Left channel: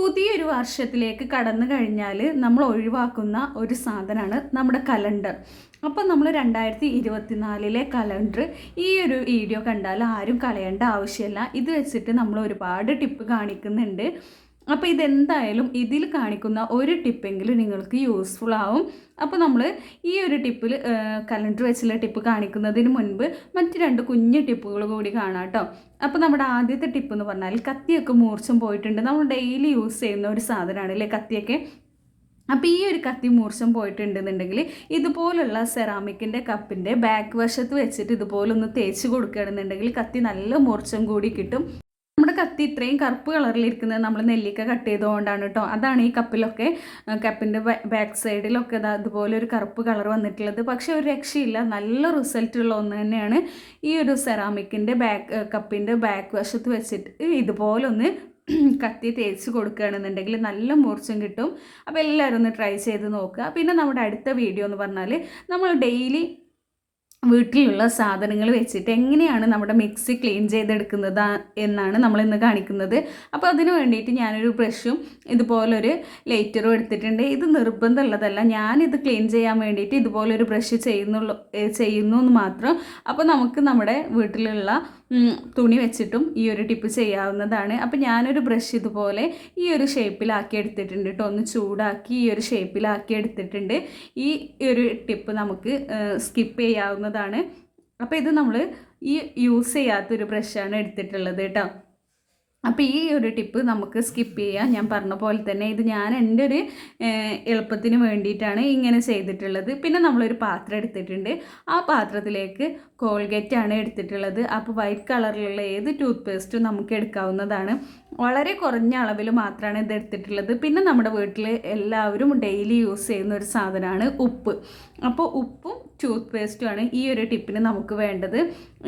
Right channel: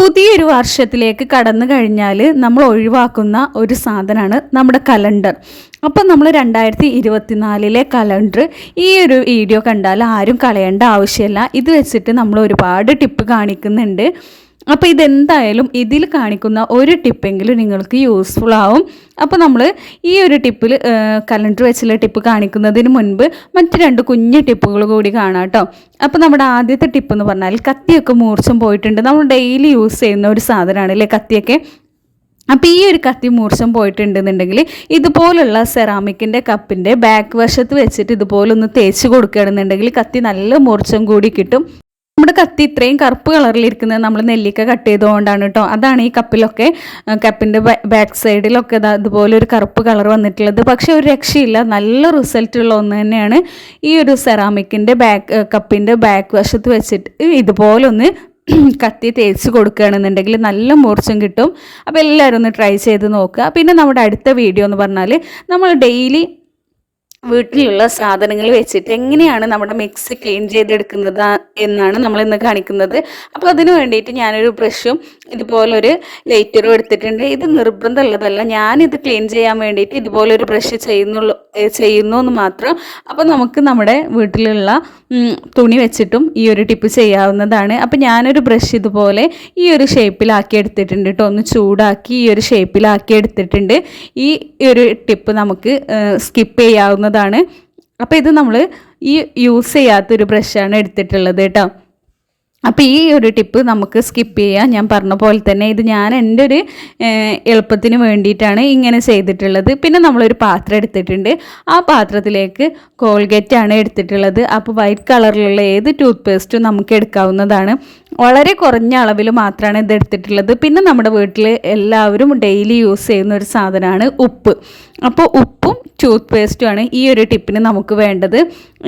പുതിയൊരു വർഷത്തിലേക്ക് കടന്നു കഴിഞ്ഞാൽ നമ്മൾ ഒഴിവാക്കുന്ന ഒരു സാധനമാണ് നമ്മുടെ കലണ്ടർ. അപ്പം നമ്മൾ 2024 കലണ്ടർ ഈ ഒരു വീഡിയോ കണ്ടാൽ ആരും കളയേണ്ട ആവശ്യമില്ല. ഇത് വെച്ചിട്ട് നമ്മൾ ഒരുപാട് ടിപ്പ് കാണിക്കുന്നുണ്ട്. അപ്പോൾ ഇതെന്തായാലും ഇതിൽ കാണിക്കുന്ന ഒരു ടിപ്പെങ്കിലും നിങ്ങൾക്ക് യൂസ്ഫുൾ ആവും. അപ്പോൾ നമ്മൾ ഈ ഒരു ടിപ്പിൽ കലണ്ടർ വെച്ചുള്ള ടിപ്പ് കാണിക്കുന്നതിന് മുൻപ് മറ്റ് 2 കുഞ്ഞു ടിപ്പുകൾ കൂടി കാണാം കേട്ടോ. അപ്പോൾ നമ്മുടെ ആദ്യത്തെ ടിപ്പ് എന്ന് പറഞ്ഞാൽ കത്തിയൊക്കെ മൂർച്ചം പോയിട്ടുണ്ട്. നമ്മൾ ഡെയിലി യൂസ് ചെയ്യുന്ന ഒരു സാധനമാണ് അല്ലേ കത്തിയൊക്കെ. അപ്പോൾ ഈ ഒരു കത്തി മൂർച്ചം പോയിട്ടുണ്ടെന്നുണ്ടെങ്കിൽ ഇതുപോലുള്ള സെറാമിക്കിൻ്റെ കപ്പിൻ്റെ ബാക്ക് വശത്ത് വെച്ചിട്ട് ഇതുപോലെ ഒന്ന് തേച്ച് കൊടുക്കുകയാണെന്നുണ്ടെങ്കിൽ കത്തി നല്ല മൂർച്ചം കൂടി കിട്ടും. നമ്മുടെ കത്തി ഇത്രയും കറുപ്പ് കളറിലിരിക്കുന്നത് നമ്മൾ നെല്ലിക്ക കട്ട് ചെയ്തുകൊണ്ടാണ് കേട്ടോ. അതാണ് ഈ കപ്പിൻ്റെ ബാക്ക് സൈഡിലൊക്കെ അതുപോലെ ഒരു കറുപ്പ് കളർ വന്നിട്ടുള്ളത്. പക്ഷേ ഒരു രക്ഷയില്ല, നല്ല റിസൾട്ടുള്ള ഒന്ന് തന്നെയാണ്. ഈ ഒരു സെറാമിക്കിൻ്റെ കപ്പിൻ്റെ ബാക്ക് വശത്ത് വെച്ചിട്ട് ഇതുപോലെ ഒന്ന് കത്തി തേച്ച് കൊടുക്കുകയാണെന്നുണ്ടെങ്കിൽ നല്ല മൂർച്ചം കിട്ടും. അപ്പോൾ എല്ലാവരും ഒന്ന് ട്രൈ ചെയ്ത് നോക്കുക. പിന്നെ നമ്മുടെ അടുത്ത വീഡിയോ എന്ന് പറഞ്ഞാൽ നമ്മൾ ഡെയിലി വീട്ടിലുള്ള സാധനങ്ങൾ വെച്ചിട്ട് എങ്ങനെയാണ് നമ്മുടെ മിക്സി ക്ലീൻ ചെയ്തെടുക്കുന്നത് എന്നാണ് നമ്മളിന്ന് കാണിക്കുന്നത്. അപ്പോൾ അതിന് വേണ്ടിയിട്ട് ഞാനൊരു ബ്രഷും ഇതുപോലൊരു ലൈറ്ററും എടുത്തിട്ടുണ്ട്. ഇത് നിർബന്ധമുള്ളതല്ല, ഞാനിത് ക്ലീൻ ചെയ്യാൻ വേണ്ടിയിട്ട് ഇതുപോലൊരു ബ്രഷ് ചെയ്യുന്നു എന്ന് മാത്രം. അപ്പോൾ നമുക്ക് നമ്മുടെ വീട്ടിലുള്ള തുണി വെച്ചിട്ടും ഈ ഒരു ടിപ്പ് ചെയ്യാവുന്നതാണ്. അപ്പോൾ ഞാനൊരു ബ്രഷ് ഇതുപോലെ ഈ ഒരു ഷേപ്പിലാക്കി എടുത്തിട്ടുണ്ട് കേട്ടോ. ഒന്ന് ചൂടാക്കി ഈ ഒരു ഷേപ്പിലാക്കി എടുത്തിട്ടുണ്ട്. ഈ ഒരു ടിപ്പ് നമുക്ക് സ്കിപ്പ് ചെയ്യാവുന്നതാണ്. അപ്പോൾ ഇത് നമ്മൾ ഈ യൂസ് ചെയ്യാത്തൊരു ബ്രഷാണ് എടുത്തിട്ടുള്ളത് കേട്ടോ. അപ്പോൾ ഈ ഒരു ടിപ്പ് നമുക്ക് സ്കിപ്പ് ചെയ്യാം. ഞാൻ പറഞ്ഞ പോലെ തന്നെ ഇത് ഞാൻ എൻ്റെ ഒരു എളുപ്പത്തിന് വേണ്ടിയിട്ടാണ് ഇങ്ങനെ ചെയ്തിട്ടുള്ളത്. പിന്നെ നമ്മളൊരു പാത്രം എടുത്തിട്ടുണ്ട്. ആ പാത്രത്തിലേക്ക് കോൾഗേറ്റാണ് എടുത്തിട്ടുള്ളത്. അപ്പോൾ വൈറ്റ് കളറിലുള്ള ഏത് ടൂത്ത് പേസ്റ്റും നമുക്ക് എടുക്കാവുന്നതാണ്. വളരെ കുറഞ്ഞ അളവിൽ മാത്രമാണ് ഇത് എടുത്തിട്ടുള്ളത്. പിന്നെ നമ്മുടെ വീട്ടിൽ എല്ലാവരും ഡെയിലി യൂസ് ചെയ്യുന്ന ഒരു സാധനമാണ് ഉപ്പ്. അപ്പോൾ ഉപ്പും ടൂത്ത് പേസ്റ്റുമാണ് ഈ ഒരു ടിപ്പിന് നമുക്ക് വേണ്ടത്.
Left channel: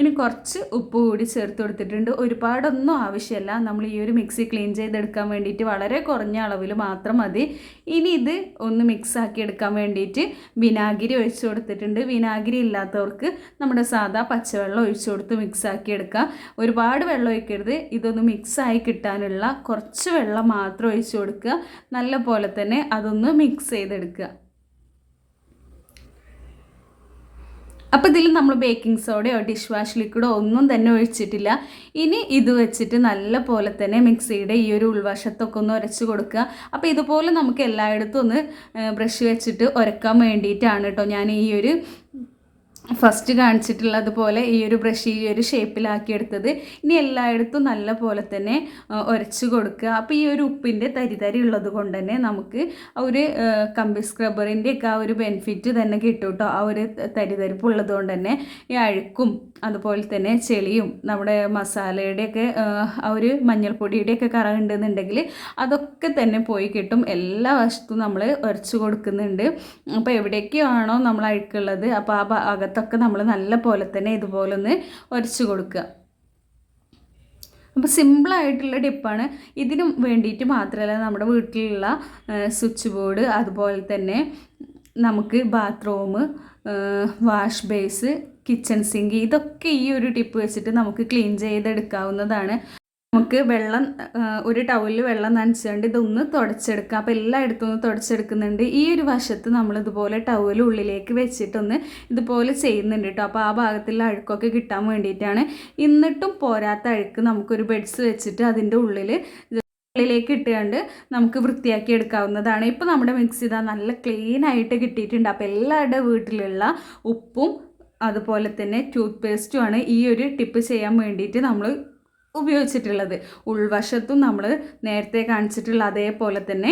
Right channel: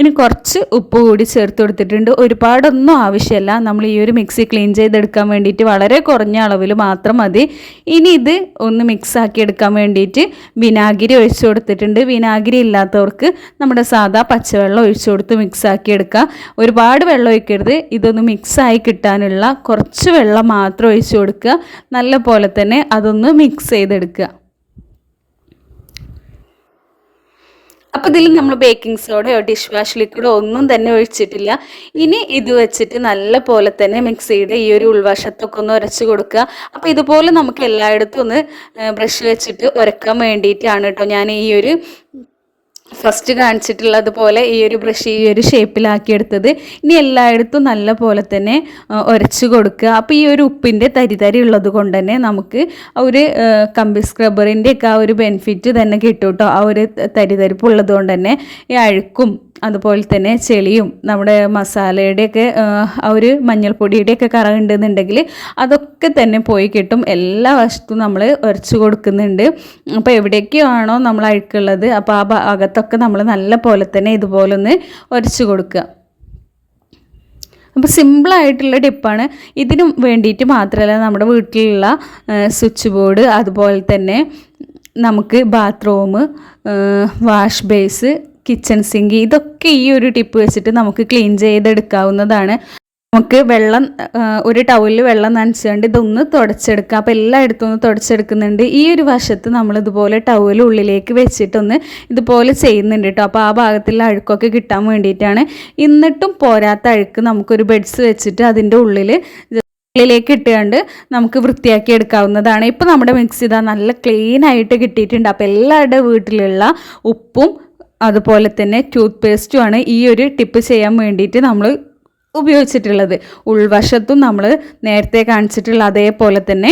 ഇനി കുറച്ച് ഉപ്പ് കൂടി ചേർത്ത് കൊടുത്തിട്ടുണ്ട്. ഒരുപാടൊന്നും ആവശ്യമില്ല. നമ്മൾ ഈ ഒരു മിക്സി ക്ലീൻ ചെയ്തെടുക്കാൻ വേണ്ടിയിട്ട് വളരെ കുറഞ്ഞ അളവിൽ മാത്രം മതി. ഇനി ഇത് ഒന്ന് മിക്സാക്കി എടുക്കാൻ വേണ്ടിയിട്ട് വിനാഗിരി ഒഴിച്ചു കൊടുത്തിട്ടുണ്ട്. വിനാഗിരി ഇല്ലാത്തവർക്ക് നമ്മുടെ സാധാ പച്ചവെള്ളം ഒഴിച്ചു കൊടുത്ത് മിക്സാക്കി എടുക്കുക. ഒരുപാട് വെള്ളം ഒഴിക്കരുത്. ഇതൊന്ന് മിക്സായി കിട്ടാനുള്ള കുറച്ച് വെള്ളം മാത്രം ഒഴിച്ചു കൊടുക്കുക. നല്ല പോലെ തന്നെ അതൊന്ന് മിക്സ് ചെയ്തെടുക്കുക. അപ്പോൾ ഇതിൽ നമ്മൾ ബേക്കിംഗ് സോഡയോ ഡിഷ് വാഷ് ലിക്വിഡോ ഒന്നും തന്നെ ഒഴിച്ചിട്ടില്ല. ഇനി ഇത് വെച്ചിട്ട് നല്ല പോലെ തന്നെ മിക്സിയുടെ ഈ ഒരു ഉൾവശത്തൊക്കെ ഒന്ന് ഉരച്ച് കൊടുക്കുക. അപ്പോൾ ഇതുപോലെ നമുക്ക് എല്ലായിടത്തും ഒന്ന് ബ്രഷ് വെച്ചിട്ട് ഉരക്കാൻ വേണ്ടിയിട്ടാണ് കേട്ടോ ഞാൻ ഈ ഒരു ഫസ്റ്റ് കാണിച്ചിട്ടുള്ളതുപോലെ ഈ ഒരു ബ്രഷ് ഈ ഒരു ഷേപ്പിലാക്കി എടുത്തത്. ഇനി എല്ലായിടത്തും നല്ല പോലെ തന്നെ ഉരച്ച് കൊടുക്കുക. അപ്പോൾ ഈ ഒരു ഉപ്പിൻ്റെ തരി ഉള്ളത് കൊണ്ട് തന്നെ നമുക്ക് ഒരു കമ്പി സ്ക്രബ്ബറിൻ്റെ ഒക്കെ ആ ഒരു ബെനിഫിറ്റ് തന്നെ കിട്ടും കേട്ടോ. ആ ഒരു തരിപ്പുള്ളത് കൊണ്ട് തന്നെ ഈ അഴുക്കും അതുപോലെ തന്നെ ചെളിയും നമ്മുടെ മസാലയുടെയൊക്കെ ആ ഒരു മഞ്ഞൾപ്പൊടിയുടെയൊക്കെ കറ ഉണ്ടെന്നുണ്ടെങ്കിൽ അതൊക്കെ തന്നെ പോയി കിട്ടും. എല്ലാ വശത്തും നമ്മൾ ഉരച്ച് കൊടുക്കുന്നുണ്ട്. അപ്പോൾ എവിടേക്കാണോ നമ്മൾ അഴുക്കുള്ളത് അപ്പോൾ ആ ഭാഗത്തൊക്കെ നമ്മൾ നല്ല പോലെ തന്നെ ഇതുപോലെ ഒന്ന് ഉരച്ച് കൊടുക്കുക. അപ്പോൾ സിമ്പിളായിട്ടുള്ള ടിപ്പാണ്. ഇതിനും വേണ്ടിയിട്ട് മാത്രമല്ല നമ്മുടെ വീട്ടിലുള്ള സ്വിച്ച് ബോർഡ്, അതുപോലെ തന്നെ നമുക്ക് bathroom, wash base, kitchen sink, ഇതൊക്കെ ഈ ഒരു ടിപ്പ് വെച്ചിട്ട് നമുക്ക് ക്ലീൻ ചെയ്തെടുക്കാവുന്നതാണ്. നമുക്ക് വെള്ളം ഒരു ടവലിൽ വെള്ളം നനച്ചുകൊണ്ട് ഇതൊന്ന് തുടച്ചെടുക്കാം. അപ്പോൾ എല്ലായിടത്തും ഒന്ന് തുടച്ചെടുക്കുന്നുണ്ട്. ഈ ഒരു വശത്ത് നമ്മളിതുപോലെ ടവൽ ഉള്ളിലേക്ക് വെച്ചിട്ടൊന്ന് ഇതുപോലെ ചെയ്യുന്നുണ്ട് കേട്ടോ. അപ്പോൾ ആ ഭാഗത്തുള്ള അഴുക്കൊക്കെ കിട്ടാൻ വേണ്ടിയിട്ടാണ്. എന്നിട്ടും പോരാത്ത അഴുക്ക് നമുക്കൊരു ബെഡ്സ് വെച്ചിട്ട് അതിൻ്റെ ഉള്ളിലേക്ക് ഇട്ടുകൊണ്ട് നമുക്ക് വൃത്തിയാക്കി എടുക്കാവുന്നതാണ്. ഇപ്പോൾ നമ്മുടെ മിക്സി ഇതാ നല്ല ക്ലീൻ ആയിട്ട് കിട്ടിയിട്ടുണ്ട്. അപ്പോൾ എല്ലാവരുടെ വീട്ടിലുള്ള ഉപ്പും അതുപോലെ തന്നെ ടൂത്ത് പേസ്റ്റുമാണ് ഈ ഒരു ടിപ്പ് ചെയ്യാൻ വേണ്ടിയിട്ട് നമ്മൾ ഉപയോഗിച്ചിട്ടുള്ളത്. ഉൾവശത്തും നമ്മൾ നേരത്തെ കാണിച്ചിട്ടുള്ള അതേപോലെ തന്നെ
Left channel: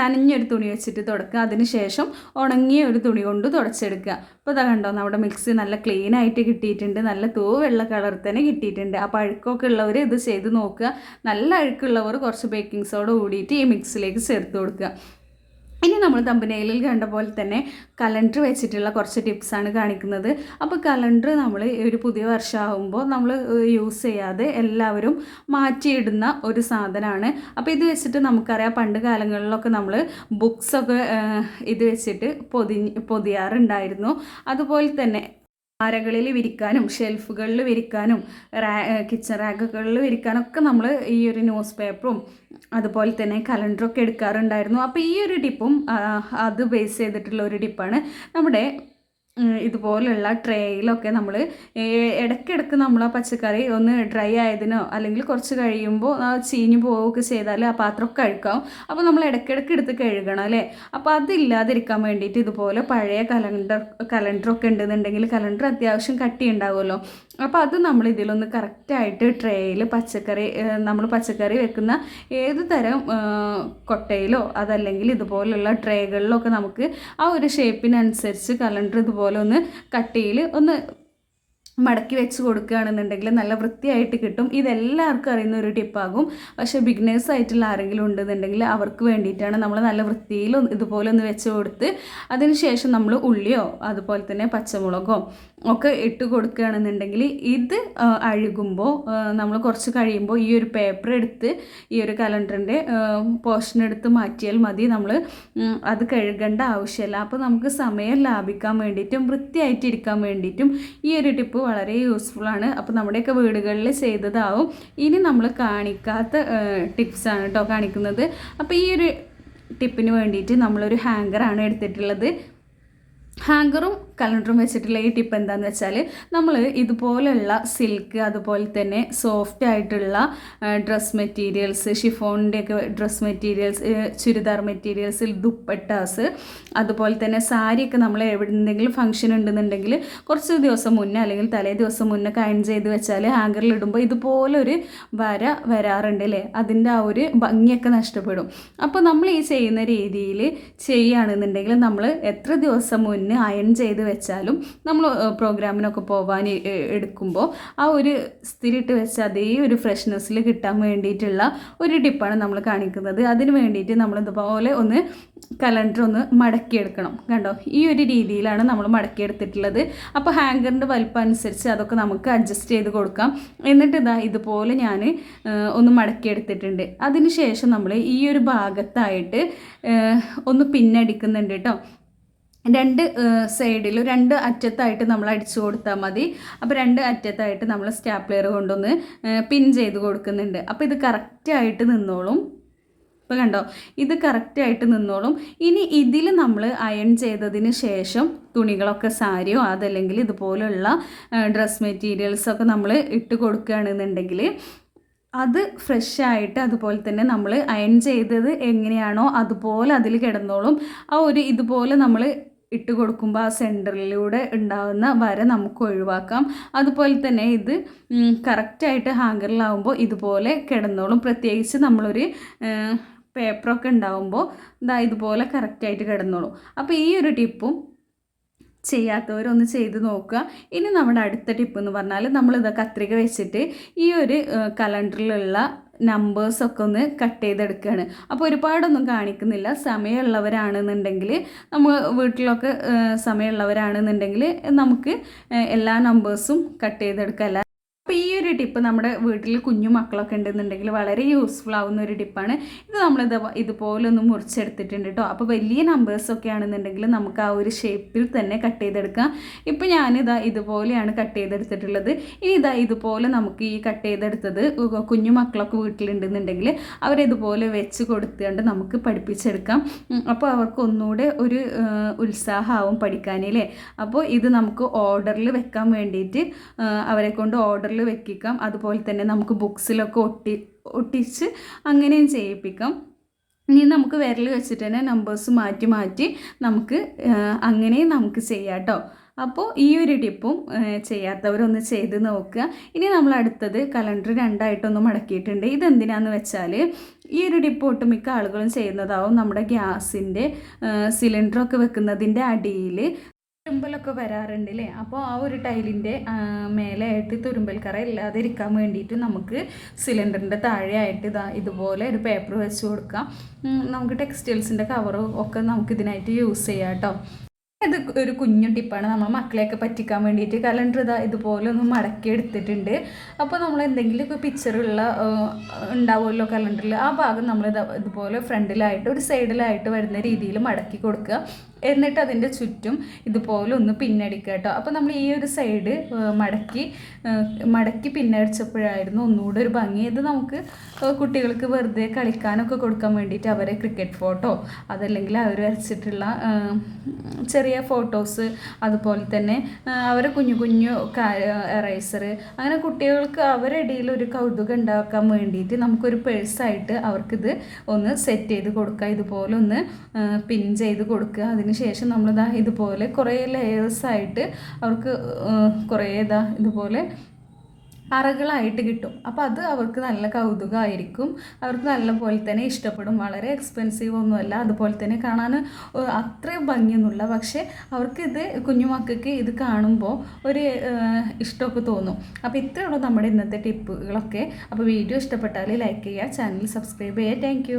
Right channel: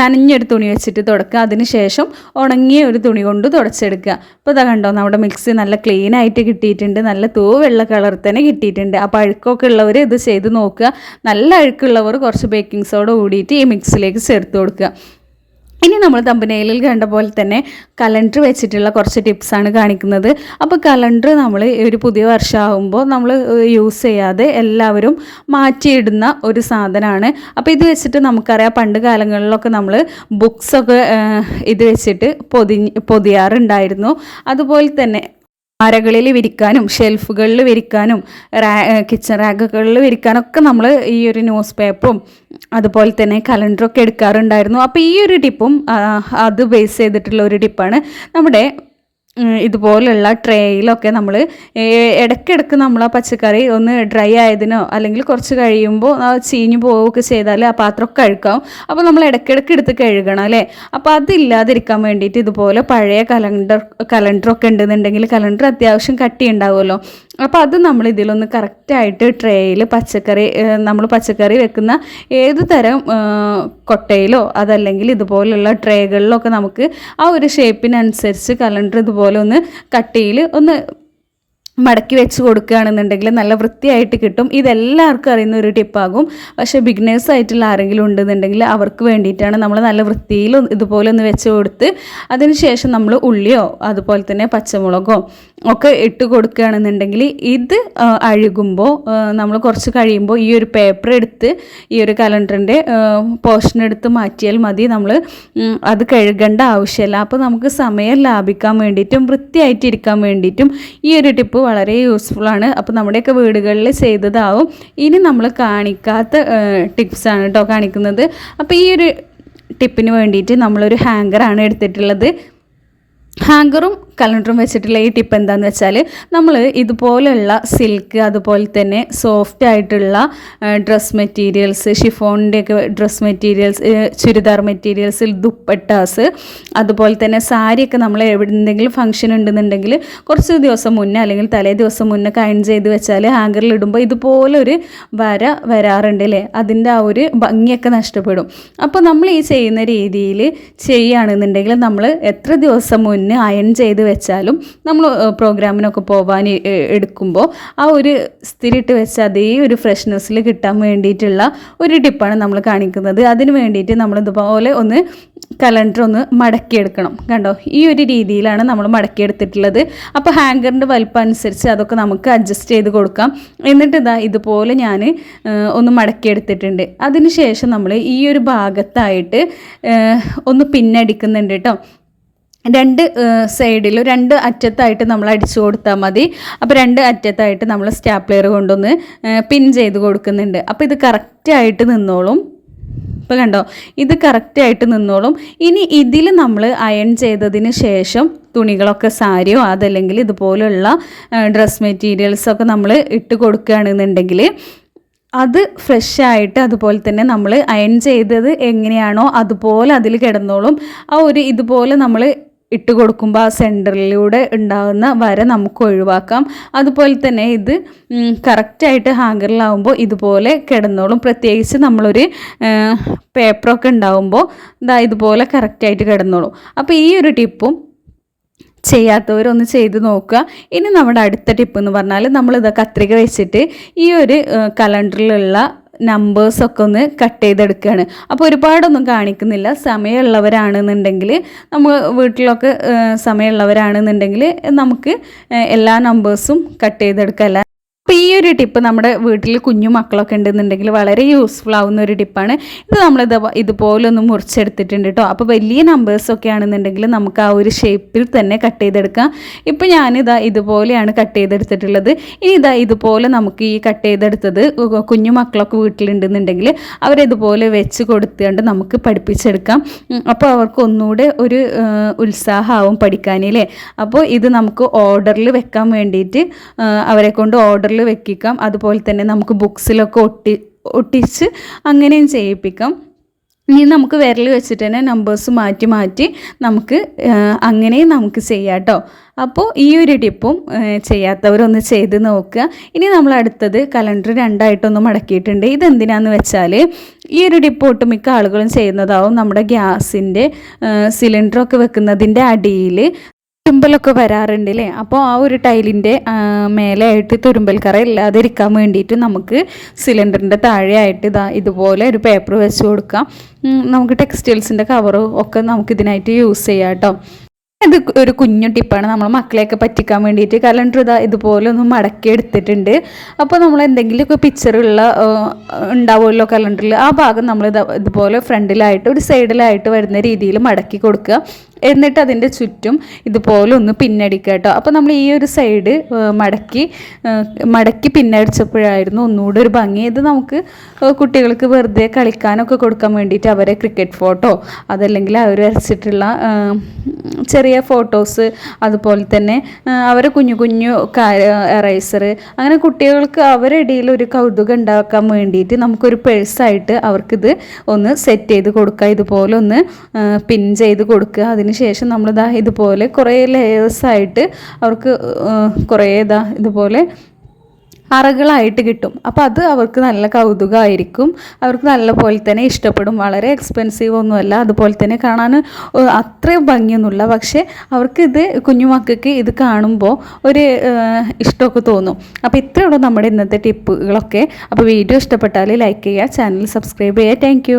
നനഞ്ഞൊരു തുണി വെച്ചിട്ട് തുടക്കുക. അതിന് ശേഷം ഉണങ്ങിയ ഒരു തുണി കൊണ്ട് തുടച്ചെടുക്കുക. അപ്പോൾ ഇതാ കണ്ടോ, നമ്മുടെ മിക്സി നല്ല ക്ലീൻ ആയിട്ട് കിട്ടിയിട്ടുണ്ട്. നല്ല വെള്ള കളർ തന്നെ കിട്ടിയിട്ടുണ്ട്. അപ്പോൾ അഴുക്കൊക്കെ ഉള്ളവർ ഇത് ചെയ്ത് നോക്കുക. നല്ല അഴുക്കുള്ളവർ കുറച്ച് ബേക്കിംഗ് സോഡ കൂടിയിട്ട് ഈ മിക്സിലേക്ക് ചേർത്ത് കൊടുക്കുക. ഇനി നമ്മൾ തമ്പനയിലിൽ കണ്ട പോലെ തന്നെ കലണ്ടർ വെച്ചിട്ടുള്ള കുറച്ച് ടിപ്സാണ് കാണിക്കുന്നത്. അപ്പോൾ കലണ്ടർ നമ്മൾ ഒരു പുതിയ വർഷമാകുമ്പോൾ നമ്മൾ യൂസ് ചെയ്യാതെ എല്ലാവരും മാറ്റിയിടുന്ന ഒരു സാധനമാണ്. അപ്പോൾ ഇത് വെച്ചിട്ട് നമുക്കറിയാം പണ്ട് കാലങ്ങളിലൊക്കെ നമ്മൾ ബുക്സൊക്കെ ഇത് വെച്ചിട്ട് പൊതിയാറുണ്ടായിരുന്നു. അതുപോലെ തന്നെ അരകളിൽ വിരിക്കാനും ഷെൽഫുകളിൽ വിരിക്കാനും കിച്ചൺ റാക്കുകളിൽ വിരിക്കാനൊക്കെ നമ്മൾ ഈ ഒരു ന്യൂസ് പേപ്പറും അതുപോലെ തന്നെ കലണ്ടറൊക്കെ എടുക്കാറുണ്ടായിരുന്നു. അപ്പോൾ ഈ ഒരു ടിപ്പും അത് ബേസ് ചെയ്തിട്ടുള്ള ഒരു ടിപ്പാണ്. നമ്മുടെ ഇതുപോലുള്ള ട്രേയിലൊക്കെ നമ്മൾ ഇടയ്ക്കിടയ്ക്ക് നമ്മൾ ആ പച്ചക്കറി ഒന്ന് ഡ്രൈ ആയതിനോ അല്ലെങ്കിൽ കുറച്ച് കഴിയുമ്പോൾ ചീഞ്ഞു പോവുകയൊക്കെ ചെയ്താൽ ആ പാത്രമൊക്കെ അഴുക്കാവും. അപ്പോൾ നമ്മൾ ഇടയ്ക്കിടയ്ക്ക് എടുത്ത് കഴുകണം അല്ലേ. അപ്പോൾ അതില്ലാതിരിക്കാൻ വേണ്ടിയിട്ട് ഇതുപോലെ പഴയ കലണ്ടറൊക്കെ ഉണ്ടെന്നുണ്ടെങ്കിൽ കലണ്ടർ അത്യാവശ്യം കട്ടി ഉണ്ടാവുമല്ലോ. അപ്പോൾ അത് നമ്മൾ ഇതിലൊന്ന് കറക്റ്റായിട്ട് ട്രേയിൽ നമ്മൾ പച്ചക്കറി വെക്കുന്ന ഏത് തരം കൊട്ടയിലോ അതല്ലെങ്കിൽ ഇതുപോലുള്ള ട്രേകളിലൊക്കെ നമുക്ക് ആ ഒരു ഷേപ്പിനനുസരിച്ച് കലണ്ടർ ഇതുപോലെ ഒന്ന് കട്ടിയിൽ ഒന്ന് മടക്കി വെച്ച് കൊടുക്കുകയാണെന്നുണ്ടെങ്കിൽ നല്ല വൃത്തിയായിട്ട് കിട്ടും. ഇതെല്ലാവർക്കും അറിയുന്ന ഒരു ടിപ്പാകും. പക്ഷേ ബിഗിനേഴ്സ് ആയിട്ടുള്ള ആരെങ്കിലും ഉണ്ടെന്നുണ്ടെങ്കിൽ അവർക്ക് വേണ്ടിയിട്ടാണ് നമ്മൾ നല്ല വൃത്തിയിൽ ഇതുപോലെ ഒന്ന് വെച്ച് കൊടുത്ത് അതിന് ശേഷം നമ്മൾ ഉള്ളിയോ അതുപോലെ തന്നെ പച്ചമുളകോ ഒക്കെ ഇട്ട് കൊടുക്കുകയാണെന്നുണ്ടെങ്കിൽ ഇത് അഴുകുമ്പോൾ നമ്മൾ കുറച്ച് കഴിയുമ്പോൾ ഈ ഒരു പേപ്പർ എടുത്ത് ഈ ഒരു കലണ്ടറിൻ്റെ പോർഷൻ എടുത്ത് മാറ്റിയാൽ മതി. നമ്മൾ അത് കഴുകേണ്ട ആവശ്യമില്ല. അപ്പോൾ നമുക്ക് സമയം ലാഭിക്കാൻ വേണ്ടിയിട്ടും വൃത്തിയായിട്ടിരിക്കാൻ വേണ്ടിയിട്ടും ഈ ഒരു ടിപ്പ് വളരെ യൂസ്ഫുള്ളാണ്. അപ്പോൾ നമ്മുടെയൊക്കെ വീടുകളിൽ ചെയ്തതാവും. ഇനി നമ്മൾ കാണിക്കാത്ത ടിപ്സാണ് കേട്ടോ കാണിക്കുന്നത്. അപ്പോൾ ഈ ഒരു ടിപ്പിന് വേണ്ടിയിട്ട് നമ്മളൊരു ഹാങ്കറാണ് എടുത്തിട്ടുള്ളത്. ഹാങ്കറും കലണ്ടറും വെച്ചിട്ടുള്ള ഈ ടിപ്പ് എന്താണെന്ന് വെച്ചാൽ നമ്മൾ ഇതുപോലെയുള്ള സിൽക്ക് അതുപോലെ തന്നെ സോഫ്റ്റ് ആയിട്ടുള്ള ഡ്രസ് മെറ്റീരിയൽസ്, ഷിഫോണിൻ്റെയൊക്കെ dress materials, churidar materials, dupattas, അതുപോലെ തന്നെ സാരിയൊക്കെ നമ്മൾ എന്തെങ്കിലും ഫംഗ്ഷൻ ഉണ്ടെന്നുണ്ടെങ്കിൽ കുറച്ച് ദിവസം മുന്നേ അല്ലെങ്കിൽ തലേ ദിവസം മുന്നേ അയൺ ചെയ്ത് വെച്ചാൽ ഹാങ്കറിൽ ഇടുമ്പോൾ ഇതുപോലൊരു വര വരാറുണ്ട് അല്ലേ. അതിൻ്റെ ആ ഒരു ഭംഗിയൊക്കെ നഷ്ടപ്പെടും. അപ്പോൾ നമ്മൾ ഈ ചെയ്യുന്ന രീതിയിൽ ചെയ്യുകയാണെന്നുണ്ടെങ്കിൽ നമ്മൾ എത്ര ദിവസം മുന്നേ അയൺ ചെയ്ത് വെച്ചാലും നമ്മൾ പ്രോഗ്രാമിനൊക്കെ പോകാൻ എടുക്കുമ്പോൾ ആ ഒരു സ്ഥിരിട്ട് വെച്ച അതേ ഒരു ഫ്രഷ്നെസ്സിൽ കിട്ടാൻ വേണ്ടിയിട്ടുള്ള ഒരു ടിപ്പാണ് നമ്മൾ കാണിക്കുന്നത്. അതിന് വേണ്ടിയിട്ട് നമ്മളിതുപോലെ ഒന്ന് കലണ്ടർ ഒന്ന് മടക്കിയെടുക്കണം. കണ്ടോ, ഈ ഒരു രീതിയിലാണ് നമ്മൾ മടക്കിയെടുത്തിട്ടുള്ളത്. അപ്പോൾ ഹാങ്കറിൻ്റെ വലിപ്പം അനുസരിച്ച് അതൊക്കെ നമുക്ക് അഡ്ജസ്റ്റ് ചെയ്ത് കൊടുക്കാം. എന്നിട്ട് ഇതുപോലെ ഞാൻ ഒന്ന് മടക്കിയെടുത്തിട്ടുണ്ട്. അതിന് ശേഷം നമ്മൾ ഈ ഒരു ഭാഗത്തായിട്ട് ഒന്ന് പിന്നടിക്കുന്നുണ്ട് കേട്ടോ. രണ്ട് സൈഡിലും രണ്ട് അറ്റത്തായിട്ട് നമ്മൾ അടിച്ചു കൊടുത്താൽ മതി. അപ്പോൾ രണ്ട് അറ്റത്തായിട്ട് നമ്മൾ സ്റ്റാപ്ലെയർ കൊണ്ടൊന്ന് പിൻ ചെയ്ത് കൊടുക്കുന്നുണ്ട്. അപ്പോൾ ഇത് കറക്റ്റായിട്ട് നിന്നോളും. ഇപ്പോൾ കണ്ടോ, ഇത് കറക്റ്റായിട്ട് നിന്നോളും. ഇനി ഇതിൽ നമ്മൾ അയൺ ചെയ്തതിന് ശേഷം തുണികളൊക്കെ സാരിയോ അതല്ലെങ്കിൽ ഇതുപോലുള്ള ഡ്രസ് മെറ്റീരിയൽസൊക്കെ നമ്മൾ ഇട്ട് കൊടുക്കുകയാണെന്നുണ്ടെങ്കിൽ അത് ഫ്രഷായിട്ട് അതുപോലെ തന്നെ നമ്മൾ അയൺ ചെയ്തത് എങ്ങനെയാണോ അതുപോലെ അതിൽ കിടന്നോളും. ആ ഒരു ഇതുപോലെ നമ്മൾ ഇട്ട് കൊടുക്കുമ്പോൾ ആ സെൻറ്ററിലൂടെ ഉണ്ടാകുന്ന വര നമുക്ക് ഒഴിവാക്കാം. അതുപോലെ തന്നെ ഇത് കറക്റ്റായിട്ട് ഹാങ്കറിലാവുമ്പോൾ ഇതുപോലെ കിടന്നോളും. പ്രത്യേകിച്ച് നമ്മളൊരു പേപ്പറൊക്കെ ഉണ്ടാവുമ്പോൾ ഇതുപോലെ കറക്റ്റായിട്ട് കിടന്നോളും. അപ്പോൾ ഈ ഒരു ടിപ്പും ചെയ്യാത്തവരൊന്ന് ചെയ്ത് നോക്കുക. ഇനി നമ്മുടെ അടുത്ത ടിപ്പ് എന്ന് പറഞ്ഞാൽ നമ്മളിത് കത്രിക വെച്ചിട്ട് ഈ ഒരു കലണ്ടറിലുള്ള നമ്പേഴ്സൊക്കെ ഒന്ന് കട്ട് ചെയ്തെടുക്കുകയാണ്. അപ്പോൾ ഒരുപാടൊന്നും കാണിക്കുന്നില്ല. സമയമുള്ളവരാണെന്നുണ്ടെങ്കിൽ നമ്മൾ വീട്ടിലൊക്കെ സമയമുള്ളവരാണെന്നുണ്ടെങ്കിൽ നമുക്ക് എല്ലാ നമ്പേഴ്സും കട്ട് ചെയ്തെടുക്കാം. അപ്പോൾ ഈ ഒരു ടിപ്പ് നമ്മുടെ വീട്ടിൽ കുഞ്ഞു മക്കളൊക്കെ ഉണ്ടെന്നുണ്ടെങ്കിൽ വളരെ യൂസ്ഫുൾ ആവുന്ന ഒരു ടിപ്പാണ്. ഇത് നമ്മളിത് ഇതുപോലെ ഒന്ന് മുറിച്ചെടുത്തിട്ടുണ്ട് കേട്ടോ. അപ്പോൾ വലിയ നമ്പേഴ്സൊക്കെ ആണെന്നുണ്ടെങ്കിൽ നമുക്ക് ആ ഒരു ഷേപ്പിൽ തന്നെ കട്ട് ചെയ്തെടുക്കാം. ഇപ്പോൾ ഞാനിതാ ഇതുപോലെയാണ് കട്ട് ചെയ്തെടുത്തിട്ടുള്ളത്. ഇനി ഇതുപോലെ നമുക്ക് ഈ കട്ട് ചെയ്തെടുത്തത് കുഞ്ഞു മക്കളൊക്കെ വീട്ടിലുണ്ടെന്നുണ്ടെങ്കിൽ അവരിതുപോലെ വെച്ച് കൊടുത്തുകൊണ്ട് നമുക്ക് പഠിപ്പിച്ചെടുക്കാം. അപ്പോൾ അവർക്ക് ഒന്നുകൂടെ ഒരു ഉത്സാഹമാവും പഠിക്കാനല്ലേ. അപ്പോൾ ഇത് നമുക്ക് ഓർഡറിൽ വെക്കാൻ വേണ്ടിയിട്ട് അവരെ കൊണ്ട് ഓർഡറിൽ വെക്കിക്കാം. അതുപോലെ തന്നെ നമുക്ക് ബുക്സിലൊക്കെ ഒട്ടിച്ച് അങ്ങനെയും ചെയ്യിപ്പിക്കാം. ഇനി നമുക്ക് വിരൽ വെച്ചിട്ട് തന്നെ നമ്പേഴ്സ് മാറ്റി നമുക്ക് അങ്ങനെയും നമുക്ക് ചെയ്യാം കേട്ടോ. അപ്പോൾ ഈ ഒരു ടിപ്പും ചെയ്യാത്തവരൊന്ന് ചെയ്ത് നോക്കുക. ഇനി നമ്മൾ അടുത്തത് കലണ്ടർ രണ്ടായിട്ടൊന്ന് മടക്കിയിട്ടുണ്ട്. ഇതെന്തിനാന്ന് വെച്ചാൽ ഈ ഒരു ടിപ്പ് ഒട്ടുമിക്ക ആളുകളും ചെയ്യുന്നതാവും. നമ്മുടെ ഗ്യാസിൻ്റെ സിലിണ്ടറൊക്കെ വെക്കുന്നതിൻ്റെ അടിയിൽ തുരുമ്പലൊക്കെ വരാറുണ്ട് അല്ലേ. അപ്പോൾ ആ ഒരു ടൈലിൻ്റെ മേലെയായിട്ട് തുരുമ്പൽ കറ ഇല്ലാതിരിക്കാൻ വേണ്ടിയിട്ട് നമുക്ക് സിലിണ്ടറിൻ്റെ താഴെയായിട്ട് ഇതുപോലെ ഒരു പേപ്പർ വെച്ച് കൊടുക്കാം. നമുക്ക് ടെക്സ്റ്റൈൽസിൻ്റെ കവറ് ഒക്കെ നമുക്കിതിനായിട്ട് യൂസ് ചെയ്യാം കേട്ടോ. ഇത് ഒരു കുഞ്ഞു ടിപ്പാണ്. നമ്മൾ മക്കളെയൊക്കെ പറ്റിക്കാൻ വേണ്ടിയിട്ട് കലണ്ടർ ഇതുപോലെ ഒന്ന് മടക്കി എടുത്തിട്ടുണ്ട്. അപ്പോൾ നമ്മൾ എന്തെങ്കിലുമൊക്കെ പിക്ചറുള്ള ഉണ്ടാവുമല്ലോ കലണ്ടറിൽ, ആ ഭാഗം നമ്മൾ ഇതുപോലെ ഫ്രണ്ടിലായിട്ട് ഒരു സൈഡിലായിട്ട് വരുന്ന രീതിയിൽ മടക്കി കൊടുക്കുക. എന്നിട്ട് അതിൻ്റെ ചുറ്റും ഇതുപോലെ ഒന്ന് പിന്നടിക്കുക കേട്ടോ. അപ്പോൾ നമ്മൾ ഈ ഒരു സൈഡ് മടക്കി പിന്നടിച്ചപ്പോഴായിരുന്നു ഒന്നുകൂടി ഒരു ഭംഗി. ഇത് നമുക്ക് കുട്ടികൾക്ക് വെറുതെ കളിക്കാനൊക്കെ കൊടുക്കാൻ വേണ്ടിയിട്ട് അവരെ ക്രിക്കറ്റ് ഫോട്ടോ അതല്ലെങ്കിൽ അവർ വരച്ചിട്ടുള്ള ചെറിയ ഫോട്ടോസ്, അതുപോലെ തന്നെ അവരെ കുഞ്ഞു കുഞ്ഞു എറൈസർ, അങ്ങനെ കുട്ടികൾക്ക് അവരുടെ ഇടയിൽ ഒരു കൗതുകം ഉണ്ടാക്കാൻ വേണ്ടിയിട്ട് നമുക്കൊരു പേഴ്സായിട്ട് അവർക്കിത് ഒന്ന് സെറ്റ് ചെയ്ത് കൊടുക്കുക. ഇതുപോലെ ഒന്ന് പിൻ ചെയ്ത് കൊടുക്കുക. അതിന് ശേഷം നമ്മളിതാ ഇതുപോലെ കുറേ ലെയേഴ്സായിട്ട് അവർക്ക് കുറേ ഇതുപോലെ അറകളായിട്ട് കിട്ടും. അപ്പോൾ അത് അവർക്ക് നല്ല കൗതുകമായിരിക്കും, അവർക്ക് നല്ല പോലെ തന്നെ ഇഷ്ടപ്പെടും. വളരെ എക്സ്പെൻസീവ് ഒന്നുമല്ല, അതുപോലെ തന്നെ കാണാൻ അത്രയും ഭംഗിയൊന്നുമില്ല. പക്ഷേ അവർക്കിത് കുഞ്ഞുമക്കൾക്ക് ഇത് കാണുമ്പോൾ ഒരു ഇഷ്ടമൊക്കെ തോന്നും. അപ്പോൾ ഇത്രയുള്ളൂ നമ്മുടെ ഇന്നത്തെ ടിപ്പുകളൊക്കെ. അപ്പോൾ വീഡിയോ ഇഷ്ടപ്പെട്ടാൽ ലൈക്ക് ചെയ്യുക, ചാനൽ സബ്സ്ക്രൈബ് ചെയ്യുക. താങ്ക്